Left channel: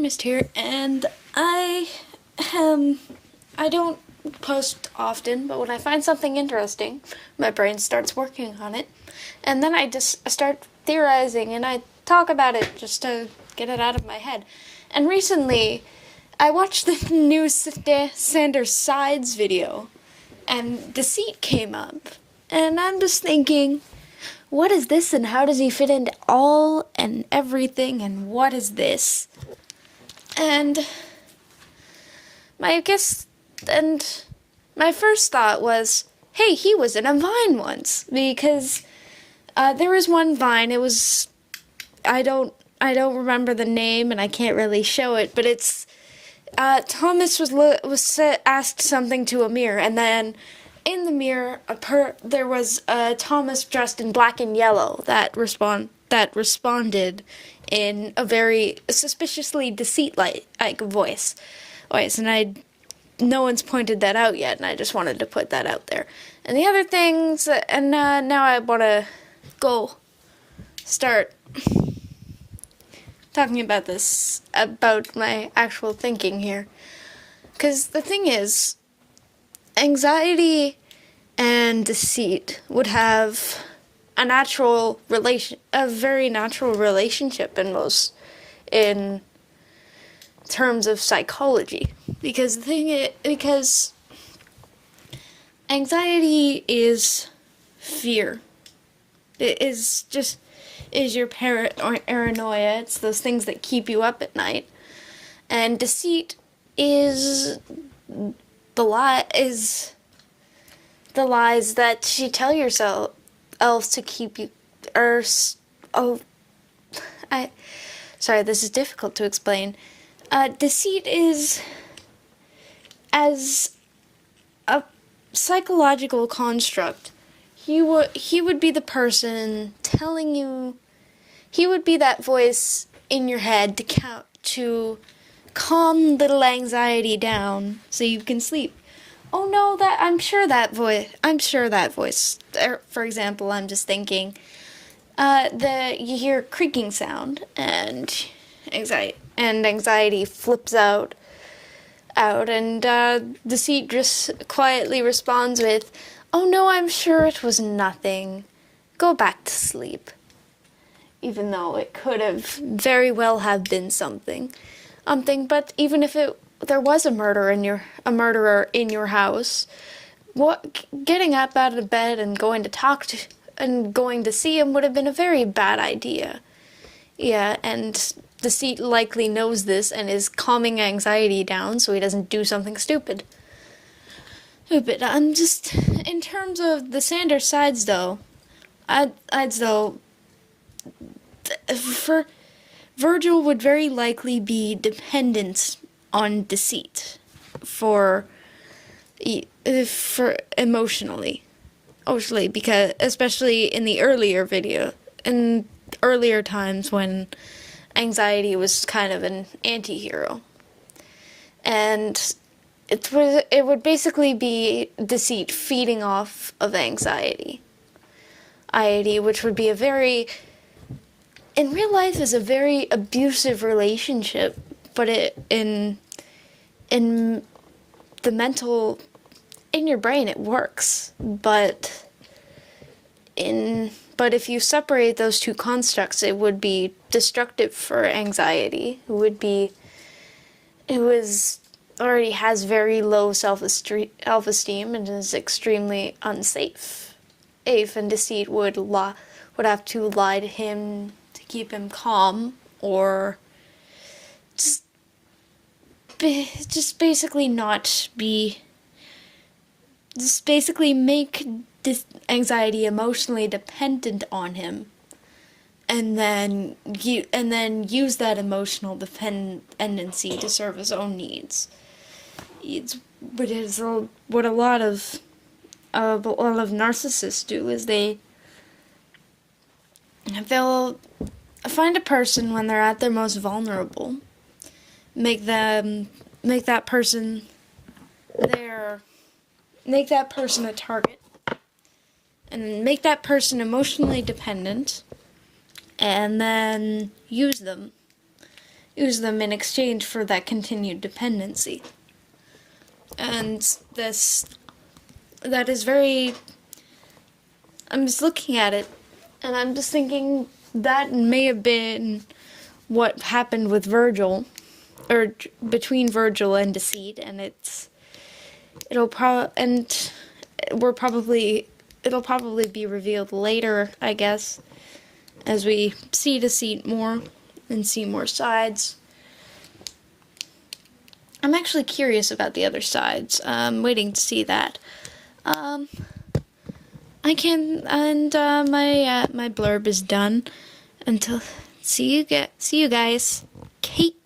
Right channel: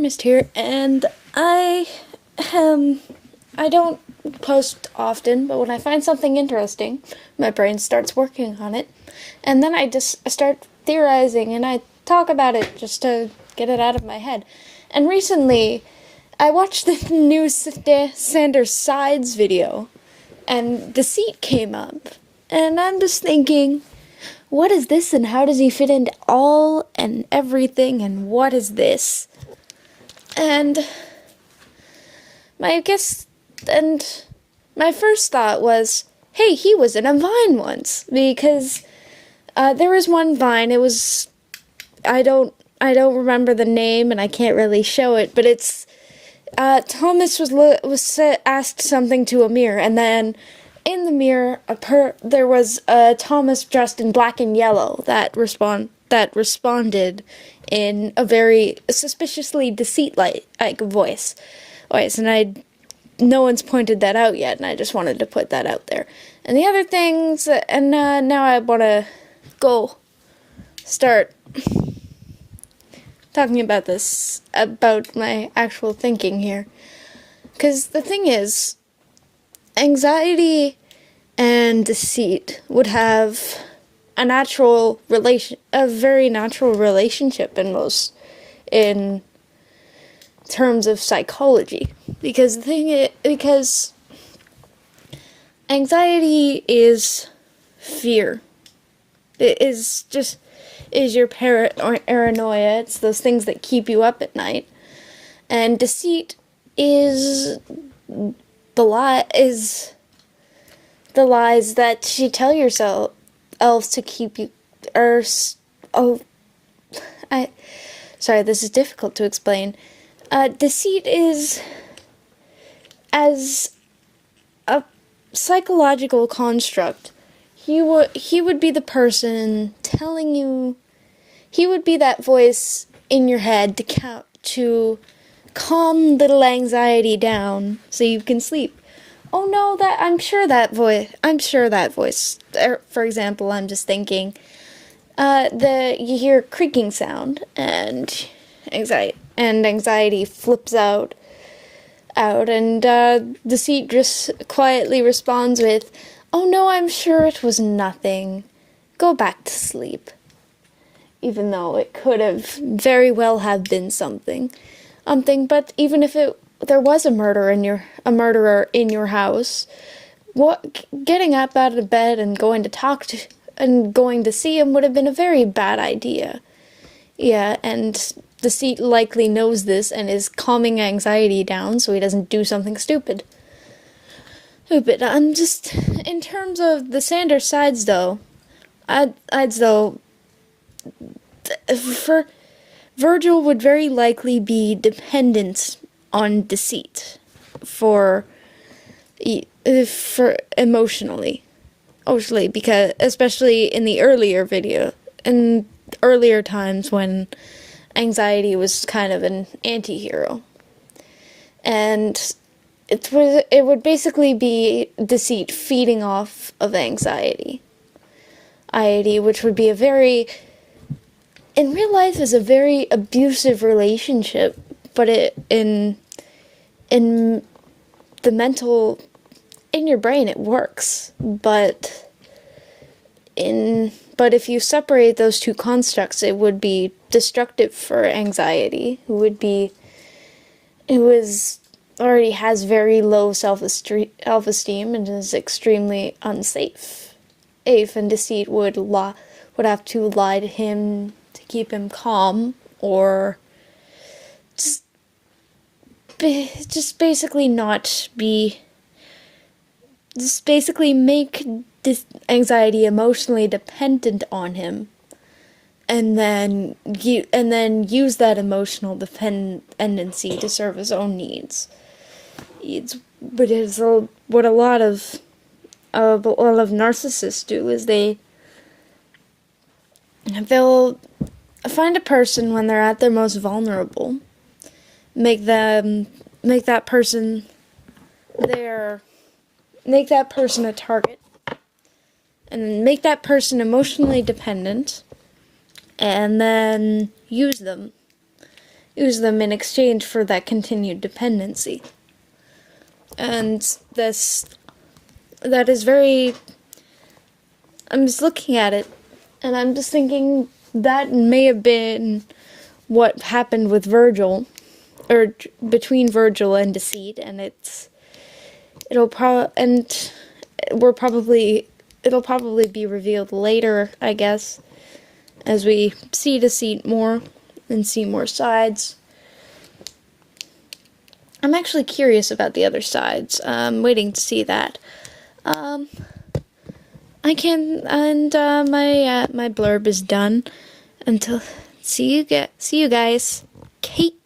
Mist here, and I don't post often, but when I find something interesting, my brain starts working on it, and then I start theorizing, and I talk about it just to get it out of my head. And recently, I watched the new Sanders Sides video, and Deceit came up, and I'm just thinking, what is this, and how does he fit into all and everything, and what is this? And my first thought was, hey, he was in a Vine once, because there was one Vine. It was, I don't remember the name, and I can't really show it, but it's Thomas was asked something to a mirror, and then in the mirror, there was Thomas dressed in black and yellow that responded in a very suspiciously Deceit-like voice. And no one's pointed that out yet, and I just wanted to put that out there. And the other things, and now I want to go start talking about this, about my actual thinking here. Because the thing is, anxiety and deceit would have a very natural relationship in terms of psychology. Because anxiety is fear. It is your paranoia. It's those things that keep you up at night. And deceit is the lies that you tell yourself to keep you, sorry, this is difficult to explain. Deceit is as a psychological construct. He would be the person telling you, he would be that voice in your head to calm little anxiety down so you can sleep. Oh no, I'm sure that voice, for example, I'm just thinking, you hear a creaking sound, and anxiety flips out, and deceit just quietly responds with, oh no, I'm sure it was nothing. Go back to sleep. Even though it could have very well have been something, but even if there was a murderer in your house, getting up out of bed and going to see him would have been a very bad idea. Yeah, and Deceit likely knows this and is calming anxiety down so he doesn't do something stupid. I'm just, in terms of the Sanders sides though, Virgil would very likely be dependent on deceit for emotionally, because especially in earlier times when anxiety was kind of an anti-hero, and it would basically be deceit feeding off of anxiety, which would be in real life is a very abusive relationship, but in your brain it works, but if you separate those two constructs, it would be destructive for anxiety, who already has very low self-esteem and is extremely unsafe. And deceit would have to lie to him to keep him calm, or basically make this anxiety emotionally dependent on him, and then use that emotional dependency to serve his own needs. But it's what a lot of narcissists do is they'll find a person when they're at their most vulnerable, make that person a target, and make that person emotionally dependent, and then use them use them in exchange for that continued dependency. And that is very, I'm just looking at it, and I'm just thinking that may have been what happened with Virgil, or between Virgil and Deceit, and it'll probably be revealed later, I guess, as we see Deceit more and see more sides. I'm actually curious about the other sides. I'm waiting to see that. My blurb is done. Until see you guys. Kate.